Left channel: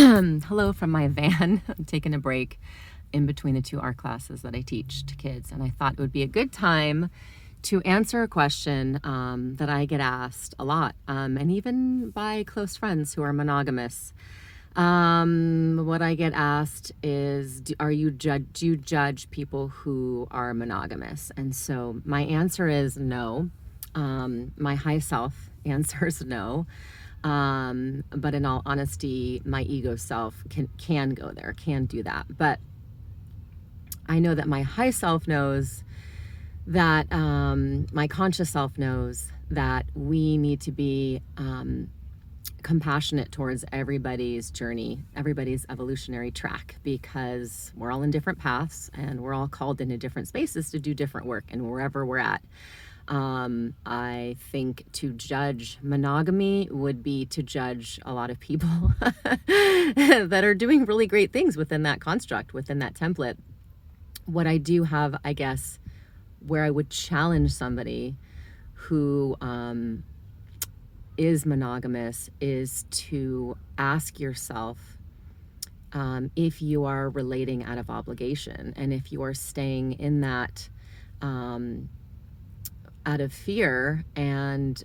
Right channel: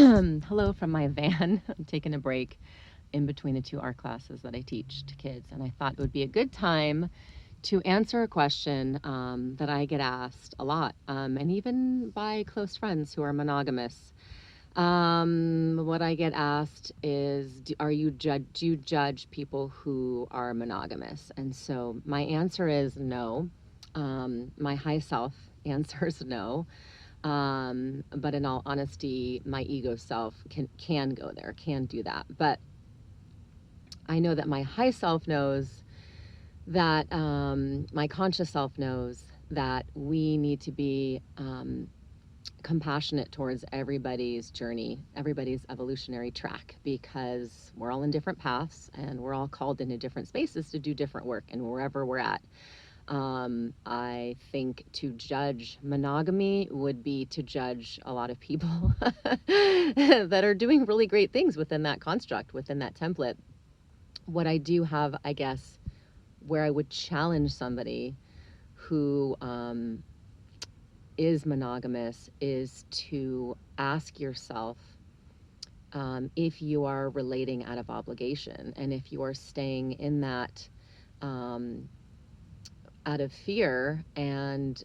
Hello from my van. I'm taking a break in between the two art classes that I teach to kids, and I thought it would be a good time to answer a question that I get asked a lot, and even by close friends who are monogamous. What I get asked is, do you judge people who are monogamous? And so my answer is no. My high self answers no. But in all honesty, my ego self can go there, can do that. But I know that my high self knows that my conscious self knows that we need to be compassionate towards everybody's journey, everybody's evolutionary track, because we're all in different paths and we're all called into different spaces to do different work, and wherever we're at. I think to judge monogamy would be to judge a lot of people that are doing really great things within that construct, within that template. What I do have, I guess, where I would challenge somebody who is monogamous is to ask yourself if you are relating out of obligation, and if you are staying in that out of fear and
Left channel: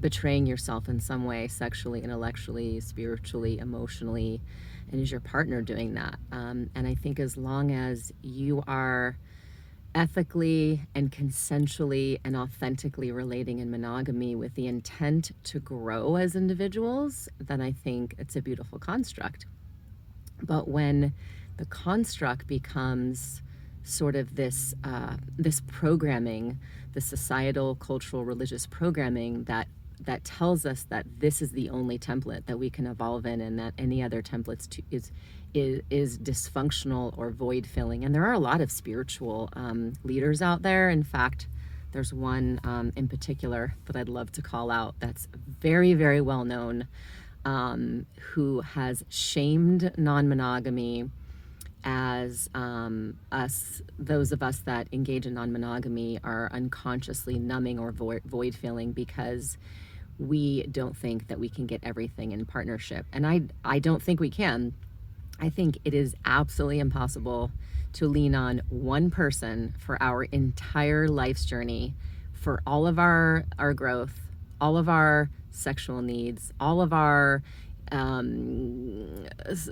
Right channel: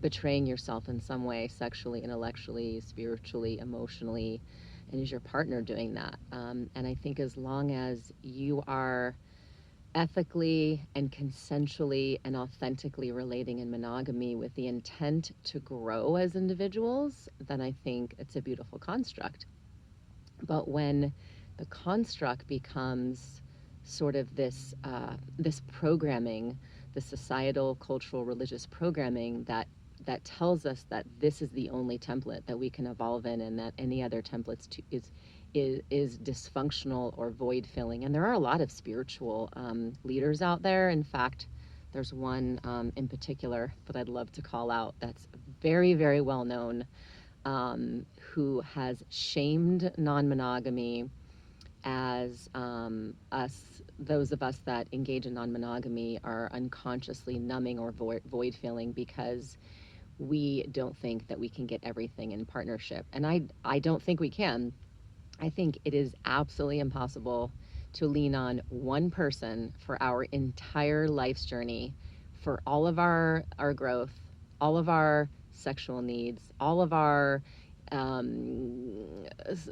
betraying yourself in some way, sexually, intellectually, spiritually, emotionally, and is your partner doing that? And I think as long as you are ethically and consensually and authentically relating in monogamy with the intent to grow as individuals, then I think it's a beautiful construct. But when the construct becomes sort of this programming, the societal, cultural, religious programming that tells us that this is the only template that we can evolve in, and that any other templates is dysfunctional or void filling. And there are a lot of spiritual leaders out there. In fact, there's one in particular that I'd love to call out that's very, very well known, who has shamed non-monogamy as those of us that engage in non-monogamy are unconsciously numbing or void filling because we don't think that we can get everything in partnership. And I don't think we can. I think it is absolutely impossible to lean on one person for our entire life's journey, for all of our growth, all of our sexual needs, all of our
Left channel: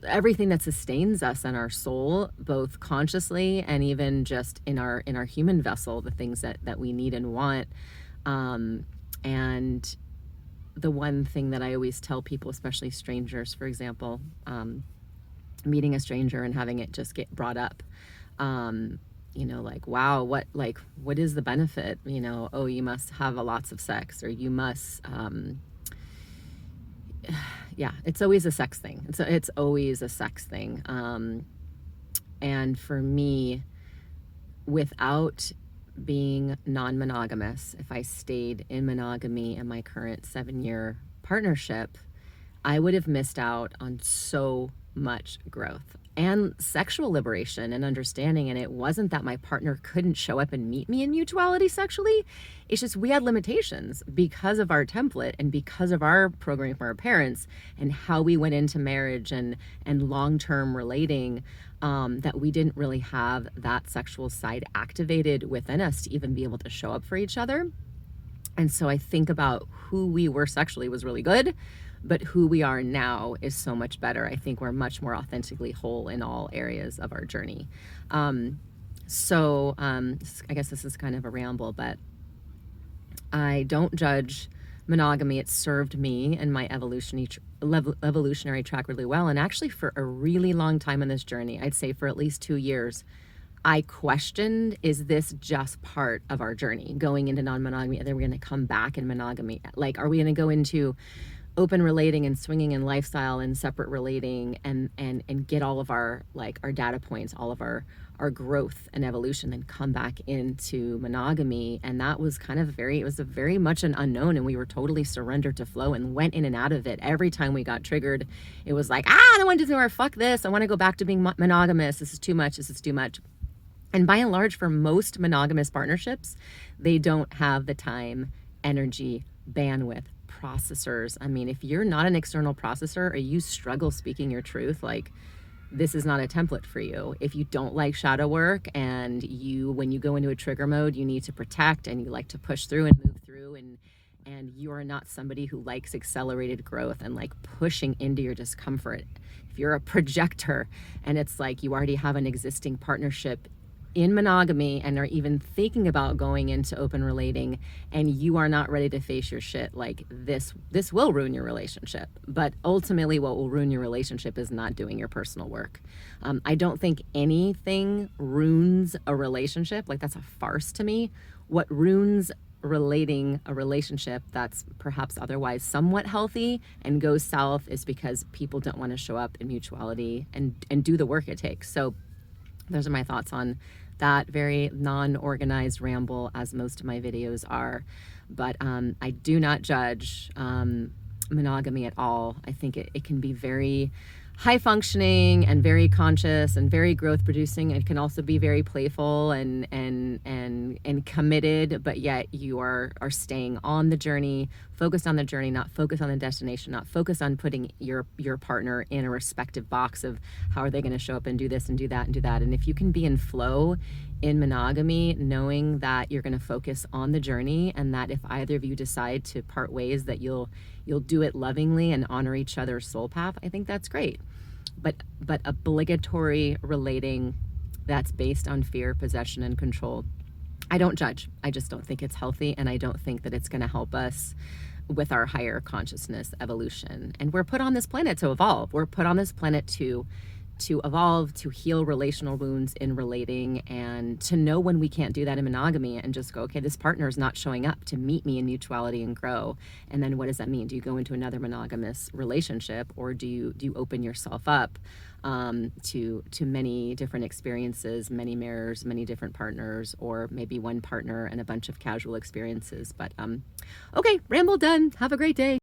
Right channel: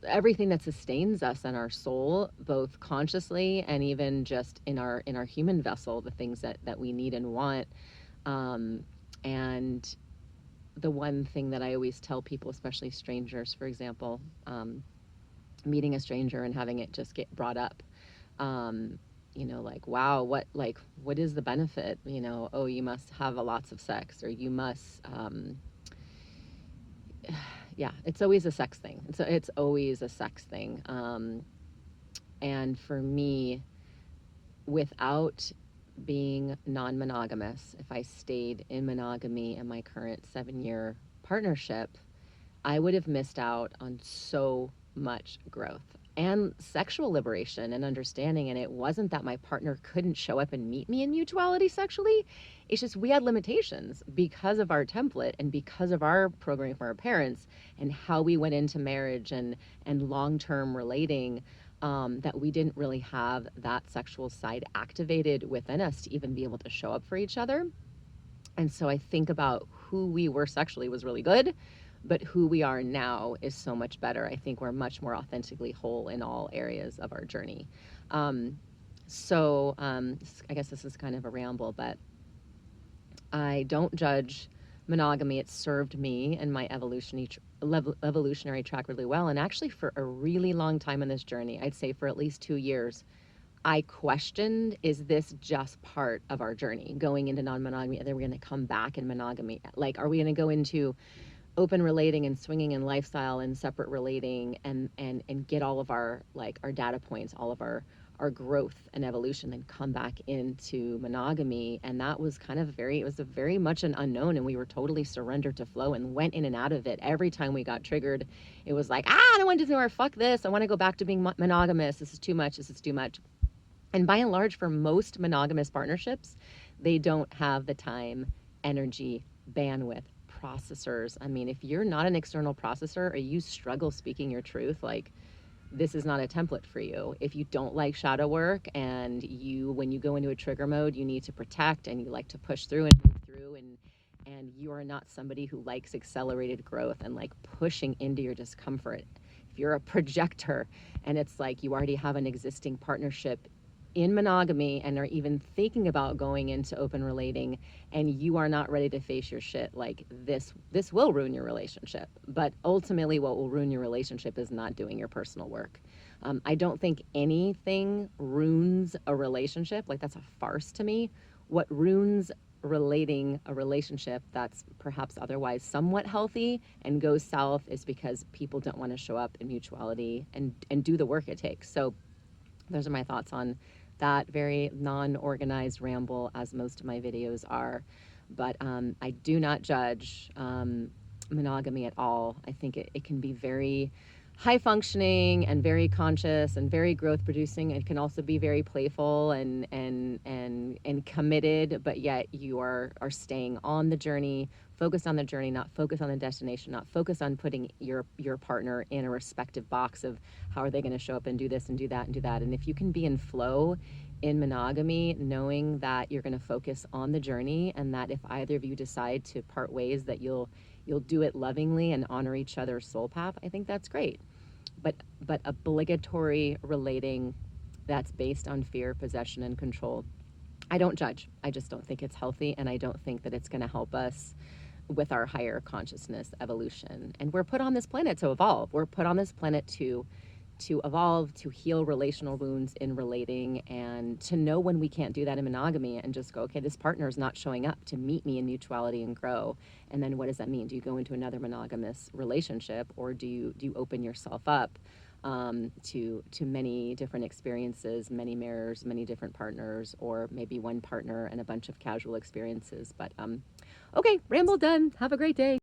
everything that sustains us and our soul, both consciously and even just in our human vessel, the things that we need and want. And the one thing that I always tell people, especially strangers, for example, meeting a stranger and having it just get brought up, like, wow, what is the benefit? Oh, you must have lots of sex, or you must yeah, it's always a sex thing. It's always a sex thing. And for me, without being non-monogamous, if I stayed in monogamy in my current 7-year partnership, I would have missed out on so much growth and sexual liberation and understanding. And it wasn't that my partner couldn't show up and meet me in mutuality sexually. It's just we had limitations because of our template and because of our programming from our parents and how we went into marriage and long-term relating, that we didn't really have that sexual side activated within us to even be able to show up for each other. And so I think about who we were sexually was really good, but who we are now is so much better. I think we're much more authentically whole in all areas of our journey. I guess this is kind of a ramble, but I don't judge monogamy. It served me and my evolutionary track really well. And actually, for a really long time in this journey, I'd say for at least 2 years, I questioned, is this just part of our journey going into non-monogamy? And then we're going to come back in monogamy. Like, are we going to go into open relating and swinging and lifestyle and separate relating and get all of our data points, all of our growth and evolution, and come back into monogamy? And that was it was a very much an unknown, and we were totally surrendered to flow and went in and out of it. Every time we got triggered, it was like, I don't want to do more, fuck this, I want to go back to being monogamous, this is too much. And by and large, for most monogamous partnerships, they don't have the time, energy, bandwidth, processors. I mean, if you're not an external processor or you struggle speaking your truth, like, this is not a template for you. If you don't like shadow work and when you go into a trigger mode, you need to protect and you like to push through and move through, and you are not somebody who likes accelerated growth and like pushing into your discomfort. If you're a projector and it's like you already have an existing partnership in monogamy and are even thinking about going into open relating, and you are not ready to face your shit, like, this will ruin your relationship. But ultimately what will ruin your relationship is not doing your personal work. I don't think anything ruins a relationship. Like, that's a farce to me. What ruins relating a relationship that's perhaps otherwise somewhat healthy and goes south is because people don't want to show up in mutuality and do the work it takes. So those are my thoughts on that very non-organized ramble, as most of my videos are. But I do not judge monogamy at all. I think it can be very high functioning and very conscious and very growth producing. It can also be very playful and committed, but yet you are staying on the journey, focused on the journey, not focused on the destination, not focused on putting your partner in a respective box of how are they going to show up and do this and do that and do that. And if you can be in flow in monogamy, knowing that you're going to focus on the journey, and that if either of you decide to part ways, that you'll do it lovingly and honor each other's soul path, I think that's great. But obligatory relating that's based on fear, possession, and control, I don't judge. I just don't think it's healthy, and I don't think that it's going to help us with our higher consciousness evolution. And we're put on this planet to evolve. We're put on this planet to evolve, to heal relational wounds in relating, and to know when we can't do that in monogamy and just go, okay, this partner is not showing up to meet me in mutuality and grow. And then what does that mean? Do you go into another monogamous relationship, or do you open yourself up to many different experiences, many mirrors, many different partners, or maybe one partner and a bunch of casual experiences? But okay, ramble done. Have a great day.